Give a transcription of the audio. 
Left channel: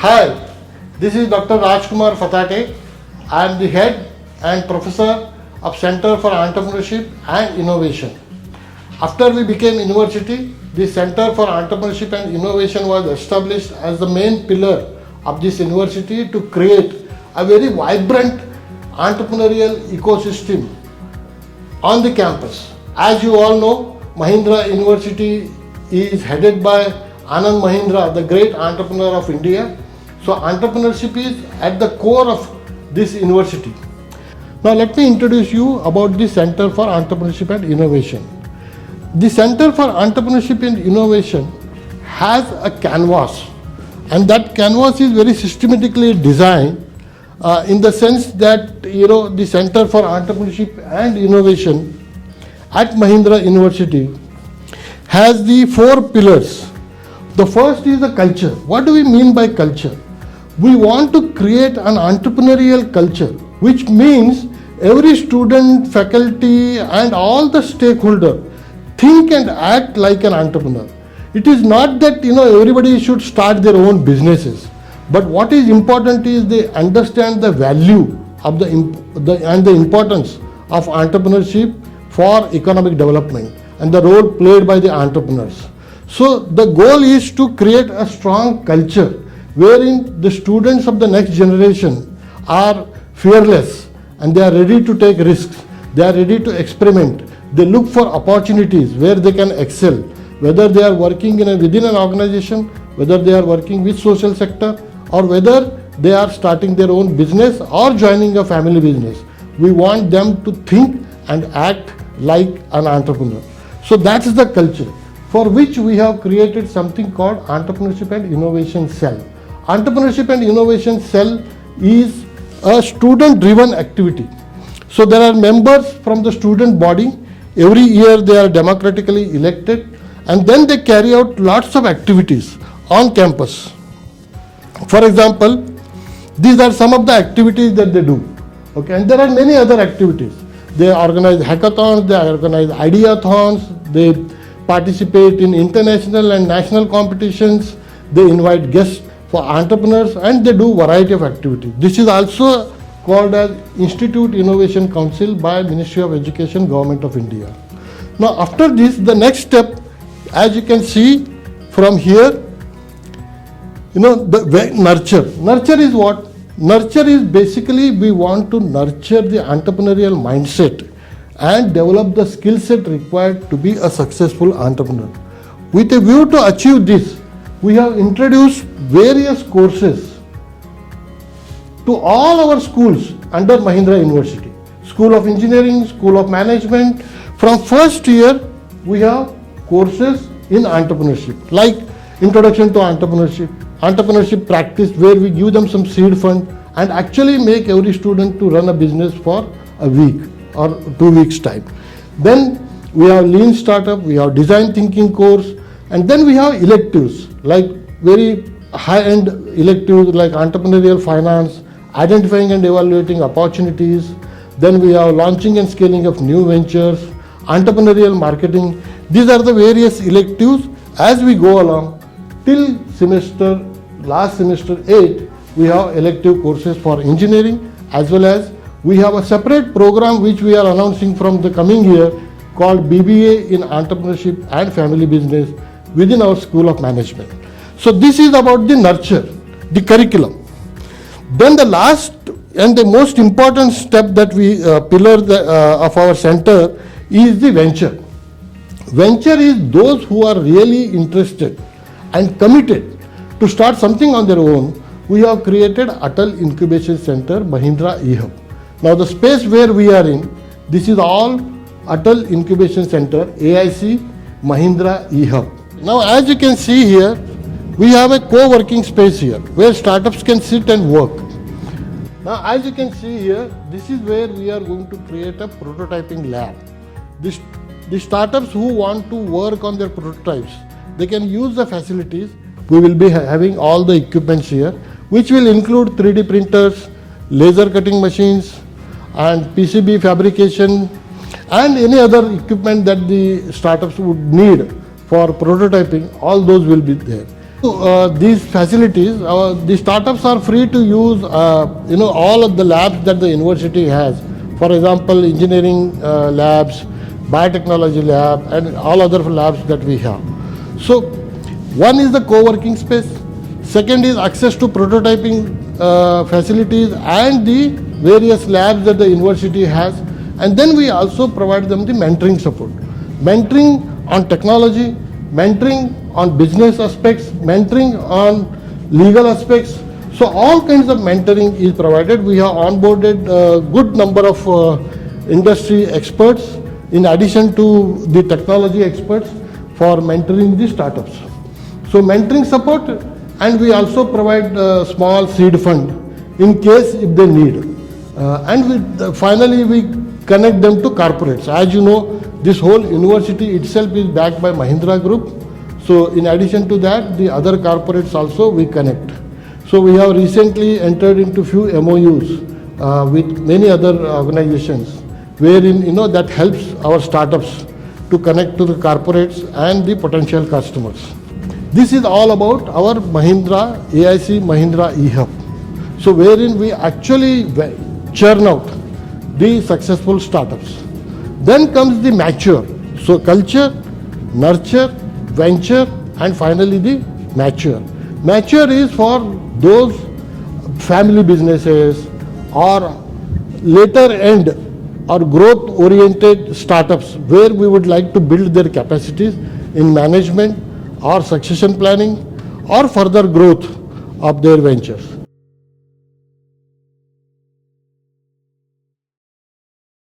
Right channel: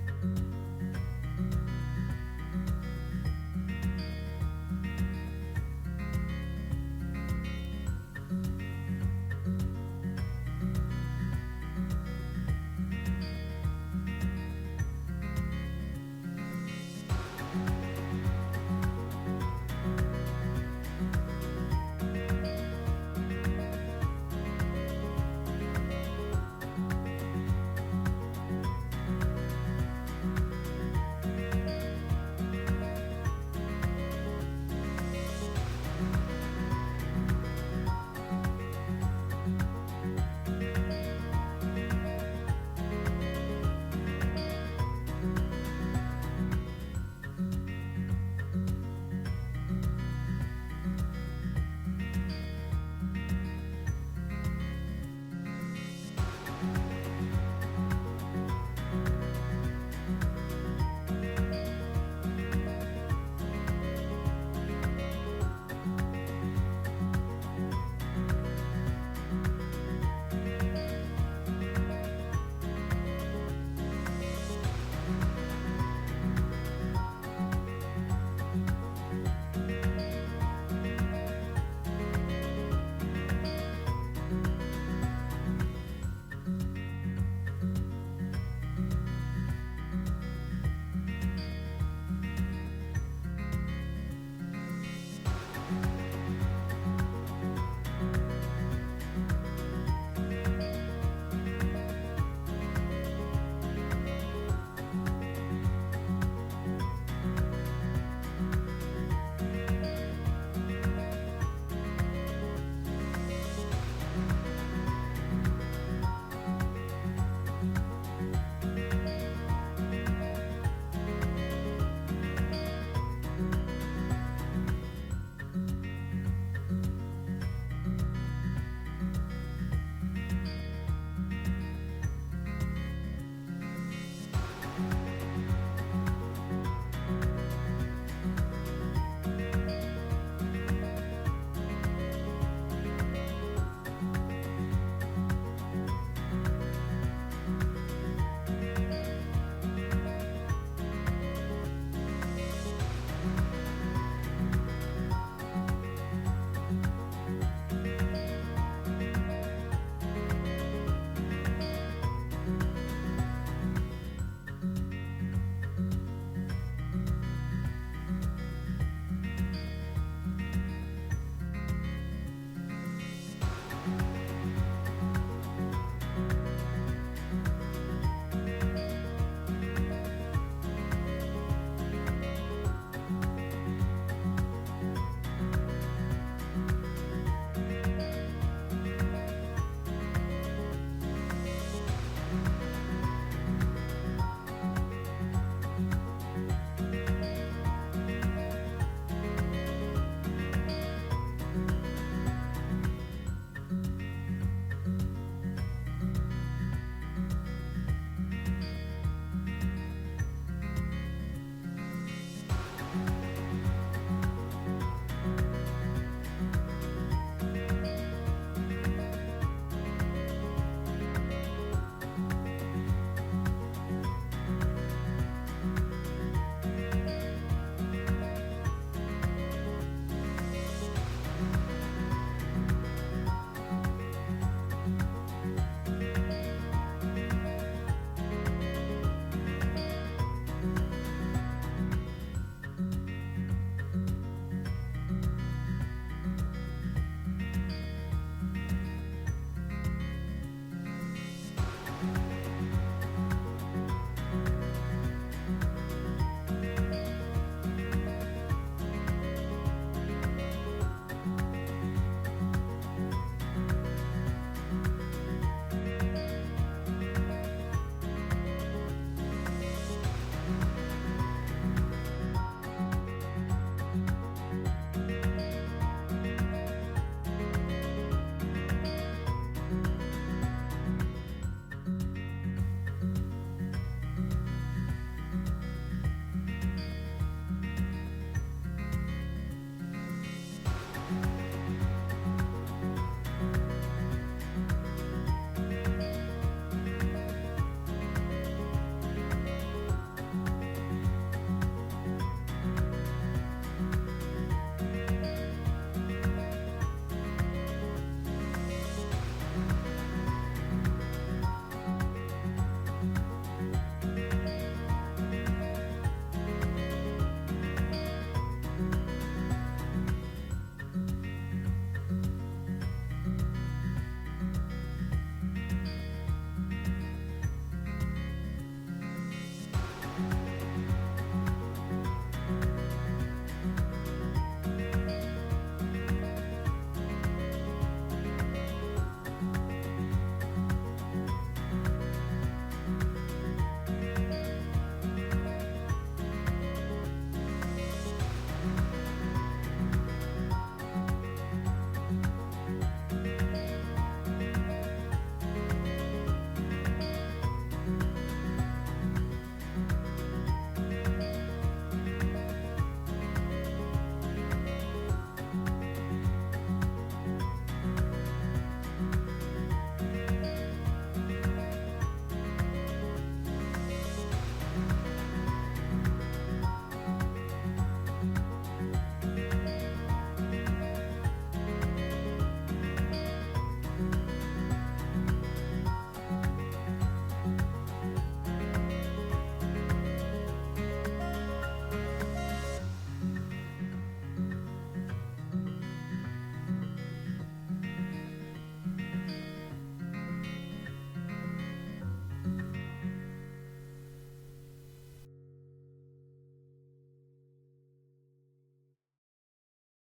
Hi, this is Dr. Rajkumar Fatate. I am the head and professor of Center for Entrepreneurship and Innovation. After we became university, the Center for Entrepreneurship and Innovation was established as the main pillar of this university to create a very vibrant entrepreneurial ecosystem on the campus. As you all know, Mahindra University is headed by Anand Mahindra, the great entrepreneur of India. So entrepreneurship is at the core of this university. Now let me introduce you about the Center for Entrepreneurship and Innovation. The Center for Entrepreneurship and Innovation has a canvas, and that canvas is very systematically designed in the sense that the Center for Entrepreneurship and Innovation at Mahindra University has the 4 pillars. The first is the culture. What do we mean by culture? We want to create an entrepreneurial culture, which means every student, faculty and all the stakeholders think and act like an entrepreneur. It is not that everybody should start their own businesses, but what is important is they understand the value of and the importance of entrepreneurship for economic development and the role played by the entrepreneurs. So the goal is to create a strong culture wherein the students of the next generation are fearless and they are ready to take risks, they are ready to experiment, they look for opportunities where they can excel, whether they are working within an organization, whether they are working with social sector, or whether they are starting their own business or joining a family business. We want them to think and act like an entrepreneur. So that's the culture for which we have created something called Entrepreneurship and Innovation Cell. Entrepreneurship and Innovation Cell is a student-driven activity. So there are members from the student body. Every year they are democratically elected, and then they carry out lots of activities on campus. For example, these are some of the activities that they do. Okay, and there are many other activities. They organize hackathons, they organize ideathons, they participate in international and national competitions, they invite guests for entrepreneurs, and they do variety of activities. This is also called as Institute Innovation Council by Ministry of Education, Government of India. Now after this, the next step, as you can see from here, the nurture. Nurture is what? Nurture is basically we want to nurture the entrepreneurial mindset and develop the skill set required to be a successful entrepreneur. With a view to achieve this, we have introduced various courses to all our schools under Mahindra University. School of Engineering, School of Management. From first year, we have courses in entrepreneurship, like Introduction to Entrepreneurship, Entrepreneurship Practice, where we give them some seed fund and actually make every student to run a business for a week or 2 weeks time. Then we have Lean Startup, we have Design Thinking course, and then we have electives, like very high-end electives like Entrepreneurial Finance, Identifying and Evaluating Opportunities. Then we have Launching and Scaling of New Ventures, Entrepreneurial Marketing. These are the various electives as we go along. Till last semester 8, we have elective courses for engineering, as well as we have a separate program which we are announcing from the coming year called BBA in Entrepreneurship and Family Business within our School of Management. So this is about the nurture, the curriculum. Then the last and the most important step that we of our center is the venture. Venture is those who are really interested and committed to start something on their own. We have created Atal Incubation Center, Mahindra eHub. Now the space where we are in, this is all Atal Incubation Center, AIC, Mahindra eHub. Now as you can see here, we have a co-working space here where startups can sit and work. Now as you can see here, this is where we are going to create a prototyping lab. The startups who want to work on their prototypes, they can use the facilities. We will be having all the equipments here, which will include 3D printers, laser cutting machines, and PCB fabrication, and any other equipment that the startups would need for prototyping. All those will be there. These facilities, the startups are free to use all of the labs that the university has. For example, engineering labs, biotechnology lab, and all other labs that we have. So one is the co-working space. Second is access to prototyping facilities and the various labs that the university has. And then we also provide them the mentoring support. Mentoring on technology, mentoring on business aspects, mentoring on legal aspects. So all kinds of mentoring is provided. We have onboarded a good number of industry experts in addition to the technology experts for mentoring the startups. So mentoring support, and we also provide a small seed fund in case if they need. Finally we connect them to corporates. As you know, this whole university itself is backed by Mahindra Group. So in addition to that, the other corporates also we connect. So we have recently entered into few MOUs with many other organizations, wherein that helps our startups to connect to the corporates and the potential customers. This is all about our Mahindra AIC Mahindra eHub. So wherein we actually churn out the successful startups. Then comes the mature. So culture, nurture, venture, and finally the mature. Mature is for those family businesses or later end or growth oriented startups where we would like to build their capacities in management or succession planning or further growth of their ventures.